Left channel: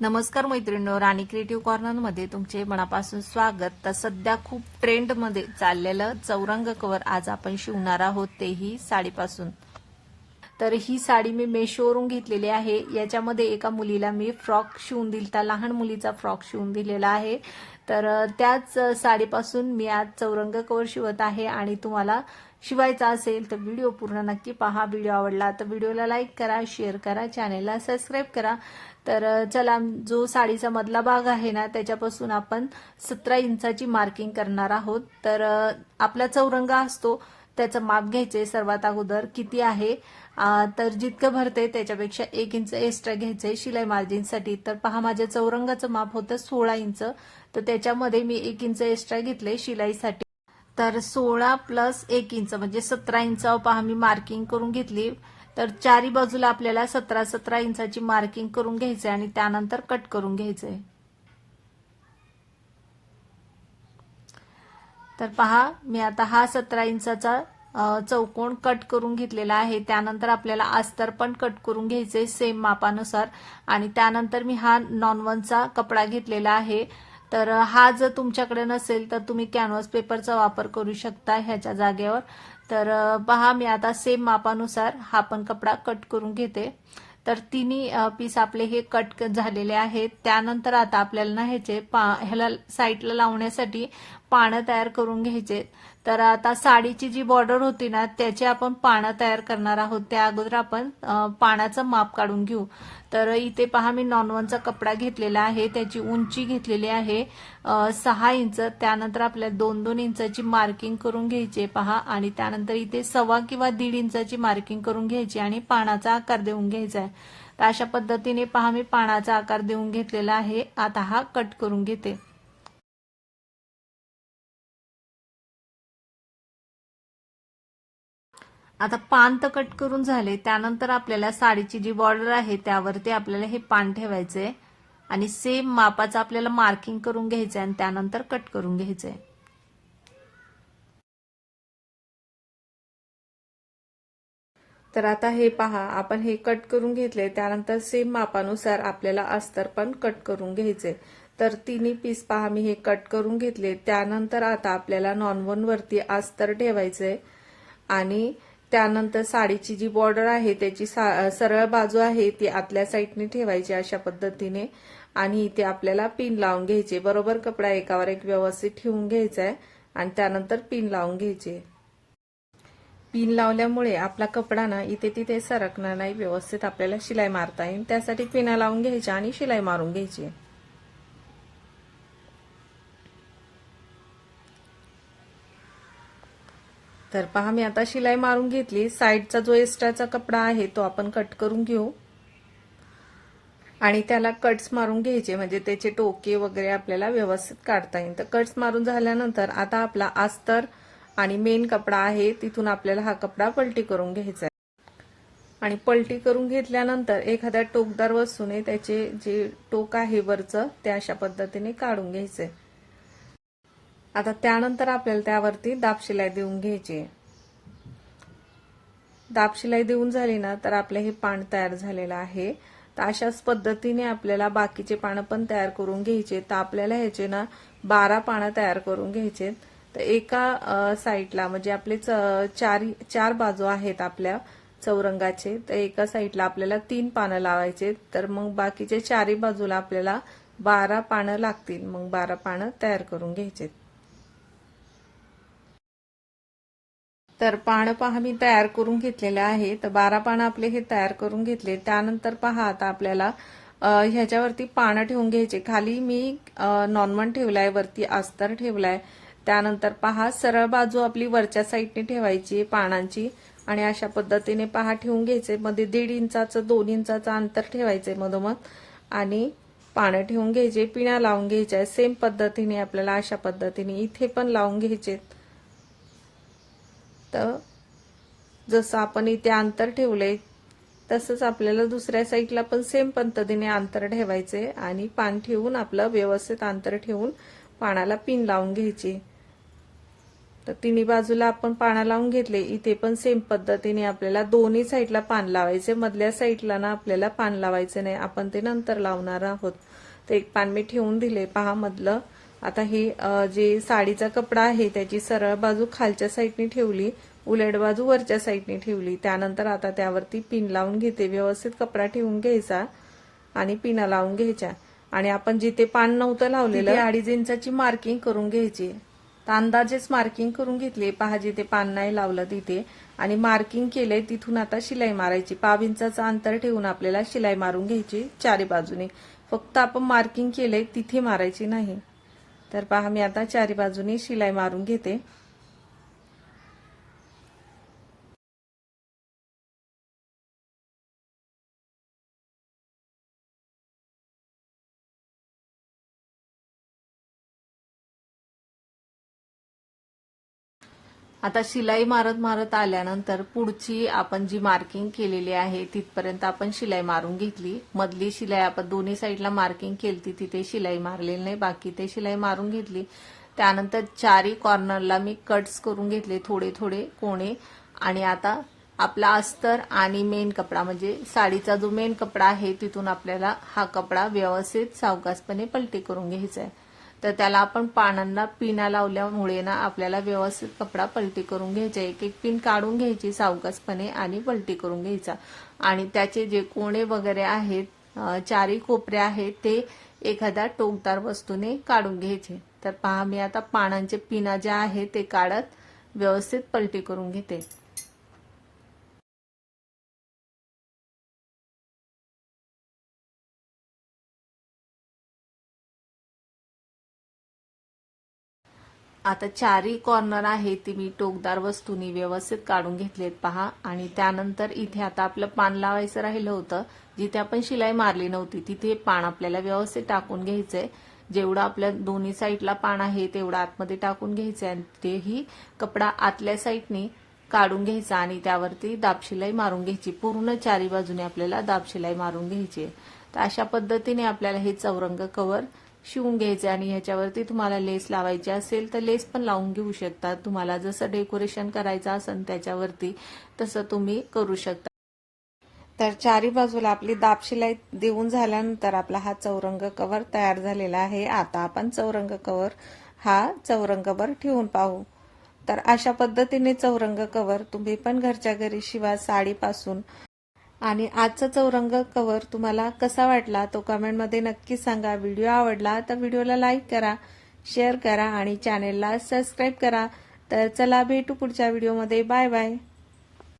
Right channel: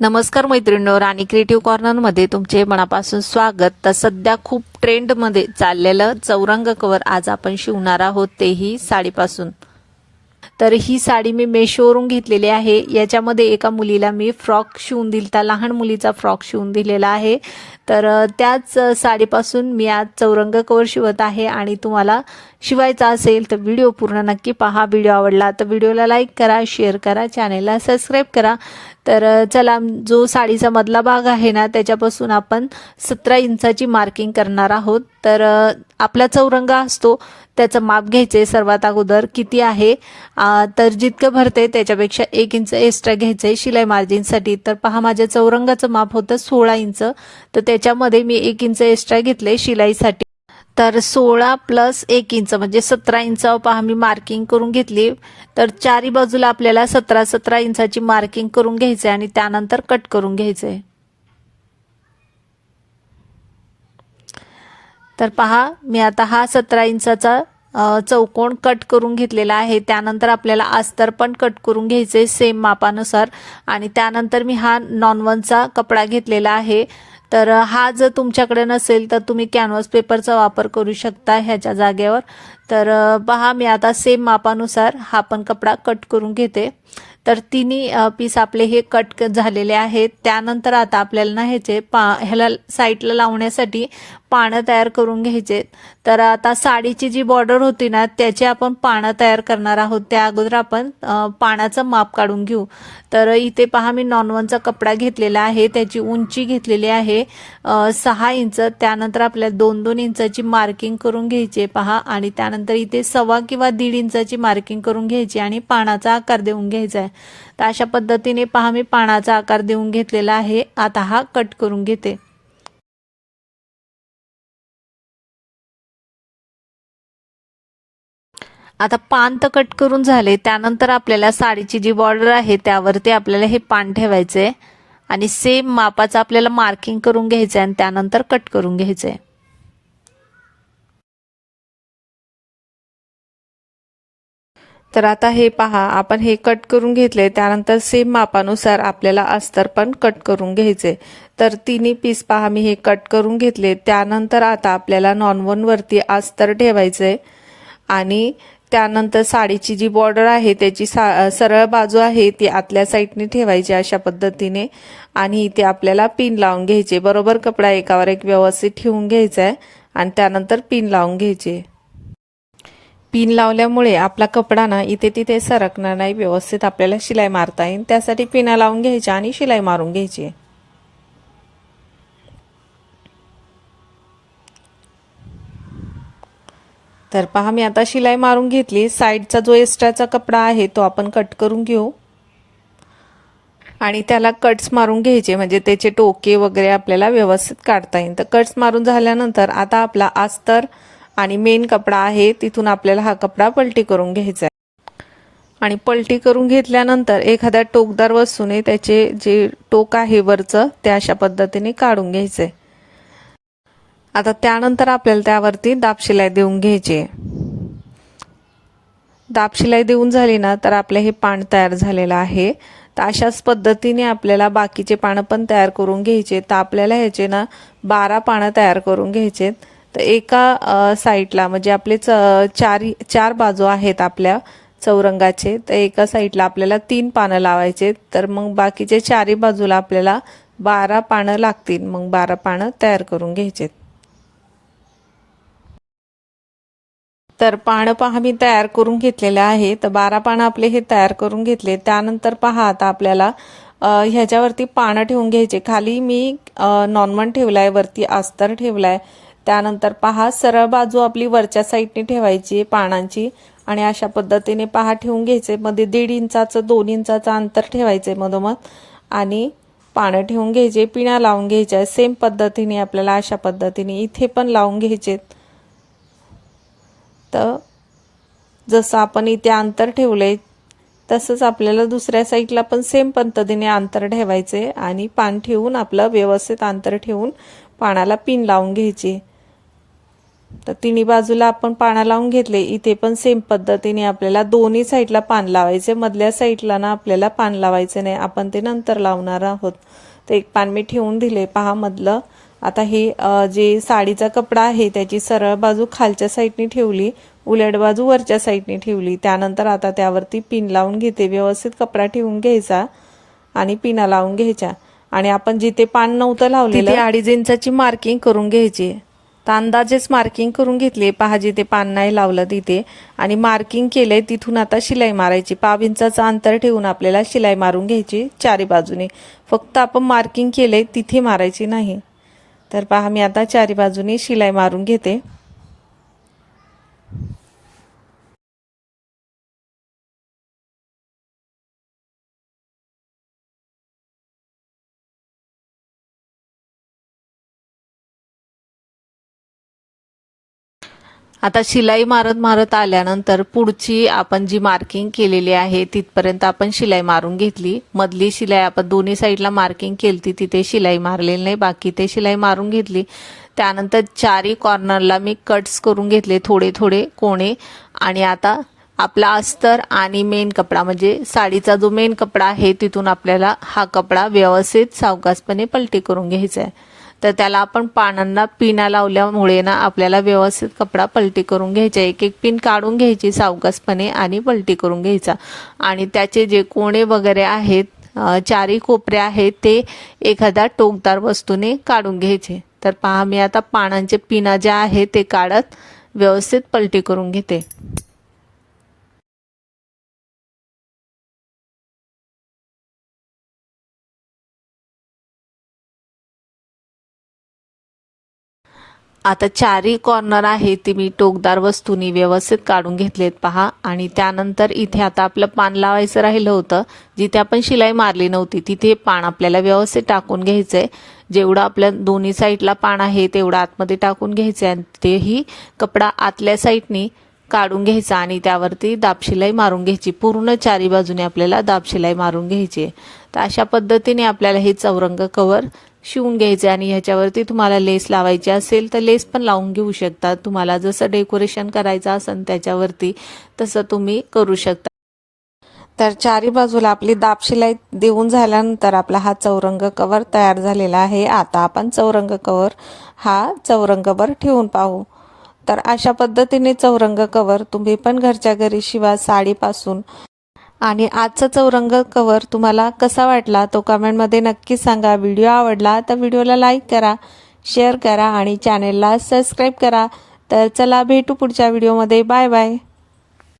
नमस्कार मैत्रिणींनो, राणी क्रिएटिव्ह कॉर्नरमध्ये तुमचे मनापासून स्वागत। तर सध्या खूप ट्रेंडमध्ये चाललेलं चौरंग कवर आज आपण शिवणार आहोत, तेही साडीपासून। तर ही साडी मी मेशोवरून घेतलेली आहे। याच्यामध्ये एका मुलीला मी फ्रॉक शिवून दिलता, लहान मुलीचा फ्रॉक शिवून दिलेला आहे। तर त्याच साडीपासून मी आज चौरंग कवर शिवत आहे आणि तुम्हाला शिवायचा असेल तर व्हिडिओ पूर्ण नक्की पहा। व्हिडिओ आवडला तर व्हिडिओला लाईक करा, शेअर करा, चॅनेलला सबस्क्राईब करा। तर चला, जो साडीचा मधला भाग आहे ना त्याच्यापासून आपण 17 इंचाची मार्किंग करणार आहोत। तर आपला चौरंग असतो त्याचं माप घ्यायचे सर्वात अगोदर किती आहे, तर जितकं भरते त्याच्यापेक्षा 1 इंच एक्स्ट्रा घ्यायचे शिलाई मार्जिनसाठी। तर पहा, माझ्या चौरंगाचं माप होतं 16 इंच, तर त्याच्यामध्ये मी 1 इंच एक्स्ट्रा घेतले शिलाईसाठी। तर 16 प्लस 1 इंच म्हणजे 17 इंचावर पहा मी मार्किंग करून घेतली। तर चारी बाजूला आपल्याला 17 इंचाची मार्किंग करून घ्यायचे आणि त्यानंतर कट करून घ्यायचे। तर पहा, मी आता हा 17 इंचाचा चौकोन कट करून घेतलेला आहे। त्यानंतर आपल्याला अस्तर पण कट करून घ्यायचे सेम मापानुसार आणि त्यानंतर मी हा नॉन-1चा कपडा घेतलेला आहे। तर हा जर तुमच्याकडे नसेल तर तुम्ही कॅनव्हास पेपरचा वापर करू शकता ह्याच्या जागेवर। तर पहा, मी आता सेम मापानुसार हा पण कपडा कट करून घेते। तर तिन्ही पीस आपले हे कट झालेले आहेत। त्यानंतर आता आपल्याला ना ह्याला साईडला लावण्यासाठी पानं तयार करून घ्यायचे। तर आता साडीची जी बॉर्डर होती ना त्याचे आपण पानं तयार करणार आहोत। त्या अगोदर आपण पानाचं माप काढून घेऊ। तर इथे पहा, मी नॉन-1चा कपडा घेतलेला आहे, त्याची उंची घेतलेली आहे 6 इंच। त्यानंतर आपल्याला 2-2 इंचाची मार्किंग करून घ्यायची पहा आणि त्यानंतर इथे 1.25 किंवा 1.5 इंचाची मार्किंग करून घ्यायची आणि पानाचा आकार देऊन घ्यायचा आहे। तर अशा पद्धतीने पहा मी पानाचा आकार देऊन घेतलेला आहे। आता हा कट करून घेते। आता पान तर कट करून झाले। त्यानंतर आपल्याला साडीची जी बॉर्डर आहे त्यावरती आपल्याला हे पान ठेवायचे आणि सेम मापाचं आपल्याला मार्किंग करून घ्यायचं आणि त्यानंतर कट करून घ्यायचे। तर आता हे पहा, आपण हे कट करून घेतले। त्यानंतर सेम मापानुसार आपल्याला अस्तर पण कट करून घ्यायचे। तर तिन्ही पीस पहा मी हे कट करून घेतले। त्यानंतर आता आपल्याला नॉन-1 वरती अस्तर ठेवायचे आणि त्यानंतर साडीची जी बॉर्डर आहे त्याची सरळ बाजू आहे ती आतल्या साईडने ठेवायची अशा पद्धतीने आणि इथे आपल्याला पिन लावून घ्यायचे। बरोबर कपडा एकावर एक व्यवस्थित ठेवून घ्यायचा आहे आणि त्यानंतर पिन लावून घ्यायचे। पिन लावल्यामुळे आपला कपडा ना इथे तिथे सरकणार नाही, व्यवस्थित आपल्याला शिलाई मारता येईल। त्यासाठी पिना लावून घ्यायच्या आणि शिलाई मारून घ्यायची। तर पहा, मी आता शिलाई मारून घेतली। साईडचा जो एक्स्ट्राचा कपडा आहे तो आपण कट करून घेऊ आणि त्याला कट्स मारून घ्यायचे, म्हणजे त्याचे टोके वगैरे आपल्याला व्यवस्थित काढता येईल। तर कट्स मारून झाल्यानंतर आता आपला अस्तर आणि मेन कपडा आहे तिथून आपल्याला हा कपडा पलटी करून घ्यायचा आहे आणि पलटी करून घेतल्यानंतर एखाद्या टोकदार वस्तूने त्याचे जे टोक आहे वरचं ते अशा पद्धतीने काढून घ्यायचे। आता त्यानंतर आपल्याला त्यावरती दाब शिलाई देऊन घ्यायची। दाब शिलाई देऊन झाली ना तर आपले हे पान तयार झालेलं आहे। तर अशाच पद्धतीने आपल्याला बाकीचे पानं पण तयार करून घ्यायचे। तर आपल्याला ह्याचे ना 12 पानं तयार करून घ्यायचे। तर एका साईडला म्हणजे आपले चार बाजू आहेत आपल्या चौरंगाचे, तर एका साईडला आपल्याला 3 पानं लावायचे। तर मग बाकीचे चारही बाजूला आपल्याला 12 पानं लागतील। मग 12 पानं तयार करून घ्यायचे। तर पानं पहा मी तयार करून घेतलेले आहे। तर 12 पानं आपले हे तयार करून घेतले। त्यानंतर पहा, आता आपल्याला ह्याच्यावरती पानं ठेवून घ्यायचे। खाली मी नॉन-1 ठेवलाय, वरती अस्तर ठेवलाय। त्यानंतर पहा, सरळ बाजू आपली वरच्या साईडने ठेवायची पानांची आणि अशा पद्धतीने पहा ठेवून घ्यायचे। मध्ये 1.5 इंचाचं 2 इंचाचं अंतर ठेवायचे मधोमध आणि पानं ठेवून घ्यायचे। पिण्या लावून घ्यायच्या सेम पद्धतीने आपल्याला अशा पद्धतीने इथे पण लावून घ्यायचे। तर जसं आपण इथे अंतर ठेवले तसंच आपल्याला दुसऱ्या साईडला पण सेम पद्धतीने अंतर ठेवायचे आणि पान ठेवून आपलं व्यवस्थित अंतर ठेवून पानाला पिन लावून घ्यायची। तर तिन्ही बाजूला आपण पाना लावून घेतले। इथे पण सेम पद्धतीने आपल्याला दोन्ही साईडला पान लावायचे, मधल्या साईडला ना आपल्याला पान लावायचे नाही, आपण ते नंतर लावणार आहोत। तर एक पान मी ठेवून दिले पहा मधलं। आता ही जे साडीचा कपडा आहे त्याची सरळ बाजू खालच्या साईडने ठेवली, उलट बाजू वरच्या साईडने ठेवली। त्यानंतर आता त्यावरती पिन लावून घेते, व्यवस्थित कपडा ठेवून घ्यायचा आणि पिना लावून घ्यायच्या। आणि आपण जिथे पान नव्हतं लावलेलं 2.5 इंचाची मार्किंग करून घ्यायची। तर अंदाजेच मार्किंग करून घेतली पहा, जिथे पान नाही लावलं तिथे आणि मार्किंग केलंय तिथून आता शिलाई मारायची। 1.5 इंचाचं अंतर ठेवून आपल्याला शिलाई मारून घ्यायची चारी बाजूने, फक्त आपण मार्किंग केलंय तिथे मारायची नाही। तर पहा मी आता चारी बाजूने शिलाई मारून घेते। आता शिलाई मारत मारत आल्यानंतर पुढची आपण जी मार्किंग केलेली आहे तिथपर्यंत आपण शिलाई मारून घेतली। मधली शिलाई आपण दोन्ही साईडला मार्किंग केली तिथे शिलाई मारलेली नाही, बाकी ते शिलाई मारून घेतली। त्यानंतर चारी कॉर्नरला मी कट्स करून घेतले थोडे थोडे कोणे। आणि आता आपला अस्तर आणि मेन कपडा म्हणजे साडीचा जो मेन कपडा आहे तिथून आपल्याला हा कपडा व्यवस्थित सावकाशपणे पलटी करून घ्यायचा आहे। तर त्याला आपण पानांना पिना लावल्यामुळे ना आपल्याला व्यवस्थित कपडा पलटी करून घ्यायचा। एक एक पिन काढून घ्यायची सावकाशपणे आणि पलटी करून घ्यायचा। आणि त्याचे जे कोणे वगैरे आहेत चारी कोपरे आहेत ते एखाद्या टोकदार वस्तूने काढून घ्यायचे। तर पहा मी आता पानांचे पिना ज्या आहेत ते काढत व्यवस्थित पलटी करून घेते। आता चारी कॉर्नर आहे ती मी टोकदार वस्तूनी व्यवस्थित काढून घेतलेत पहा। आणि त्यानंतर इथे आता आपलं पान लावायचं राहिलं होतं, जिथे आपण शिलाई मारली नव्हती तिथे पान आपल्याला व्यवस्थित टाकून घ्यायचंय। जेवढा आपल्या दोन्ही साईडला पान आहे तेवढा आतमध्ये टाकून घ्यायचंय आणि तेही कपडा आतल्या साईडनी काढून घ्यायचा आणि त्यावरती दाबशिलाई मारून घ्यायची। पूर्ण चारी बाजूने आपल्याला दाबशिलाई मारून घ्यायची। तर अशा पद्धतीने आपल्याला हे चौरंग कवर शिवून घ्यायचे। आणि ह्याच्यावरती तुम्हाला लेस लावायची असेल तर लेस पण लावून घेऊ शकता, तुम्हाला जसं डेकोरेशन करायचं असेल त्याच्यावरती तसं तुम्ही करू शकता। तर चारी बाजूला आपली दाबशिलाई देऊन झाल्यानंतर आपला हा चौरंग कवर तयार झालेला आहे। आता आपण चौरंग कवर हा चौरंगवर ठेवून पाहू। तर अशा पद्धतीने चौरंग कवर तुम्ही पण घरच्या घरी शिवा साडीपासून। आणि आजचा चौरंग कवर तुम्हाला कसा वाटला तो कमेंटमध्ये नक्की सांगा। व्हिडिओ आवडला तर व्हिडिओला लाईक करा, शेअर करा आणि चॅनेलला सबस्क्राईब करा। तर चला भेटू पुढच्या व्हिडिओमध्ये, बाय बाय।